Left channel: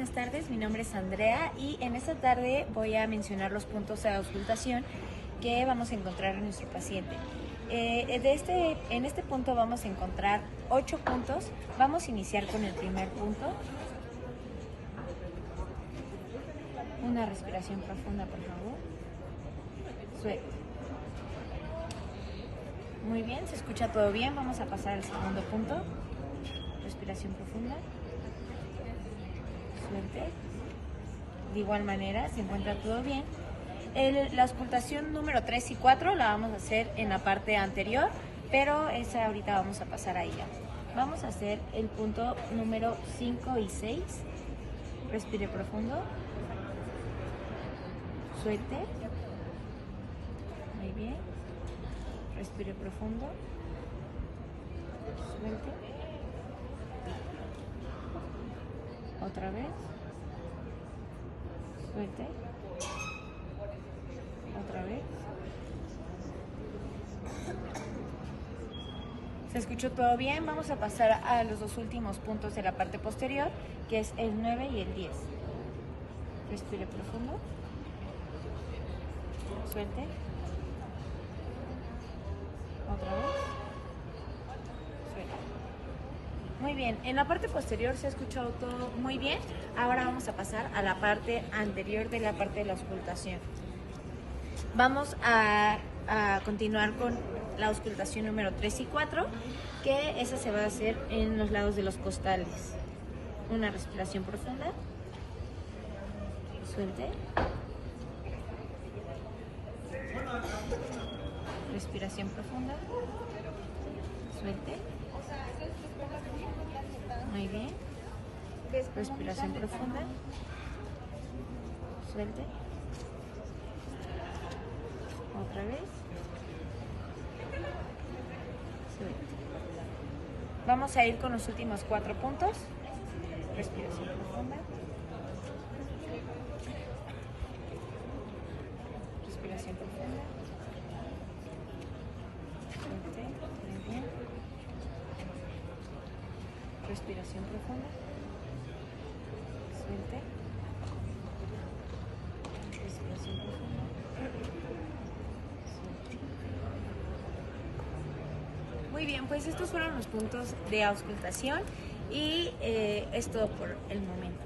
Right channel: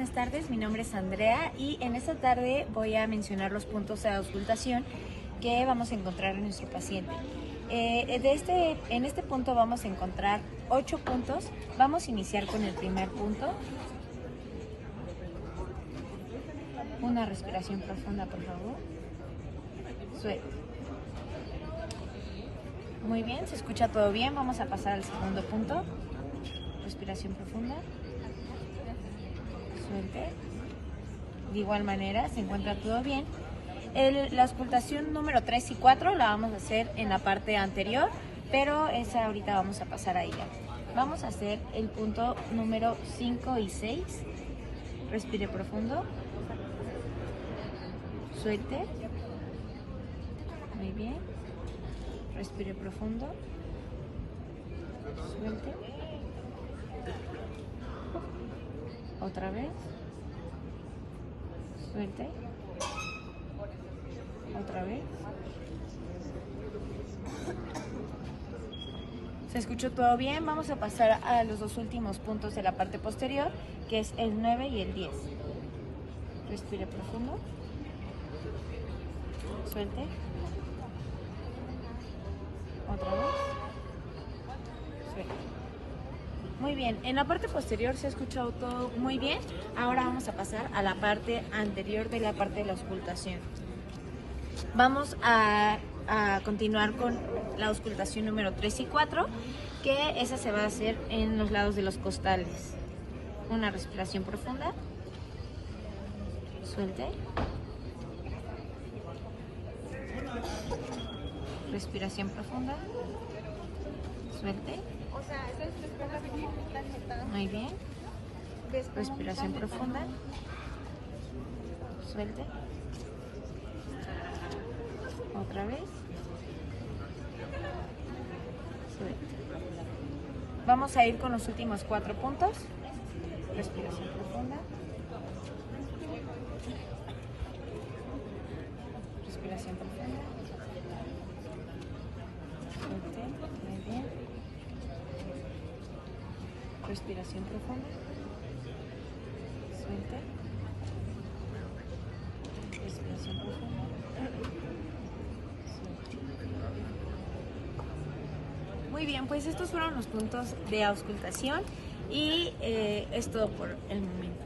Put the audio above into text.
buenas tardes, mi nombre es Andrea y en esta tarde voy a mencionar los puntos de auscultación que vamos a encontrar en nuestro paciente. En este punto vamos a encontrar 8 puntos. Vamos a iniciar con el primer punto. Una respiración profunda, por favor. Suelta. Muy bien, se escucha todo bien. Vamos a pasar al segundo punto. Respiración profunda. Suelte. De igual manera, se encuentra todo bien. La auscultación número 3 y 4 la vamos a hacer en la parte anterior, pero esa ahorita vamos a pasar a ella. Vamos a hacer el punto número 5 y 6. Respire profundo. Suelte. Muy bien. Respire profundo. Suelte. Otra vez. Suelte. Otra vez. ¿Se escuchó todo bien? Vamos a pasar a los dos últimos puntos de la parte posterior, que es el 9 y el 10. Respire profundo. Suelte. Otra vez. Suelte. Muy bien, en la parte posterior se ha escuchado todo muy bien. Ahora vamos a pasar a la parte anterior de la parte de la auscultación. Vamos a continuar con la auscultación número 3 y 4, que esa se va a hacer en los lados de los costales. Una respiración profunda. Suelte. Respiración profunda. Suelte. Muy bien. Respiración profunda. Suelte. Otra vez. Suelte. Vamos a ir con los últimos 4 puntos. Respiración profunda. Respiración profunda. Suelte. Muy bien. Respiración profunda. Suelte. Respiración profunda. Muy bien, pues estos fueron los puntos de auscultación y es todo por el momento.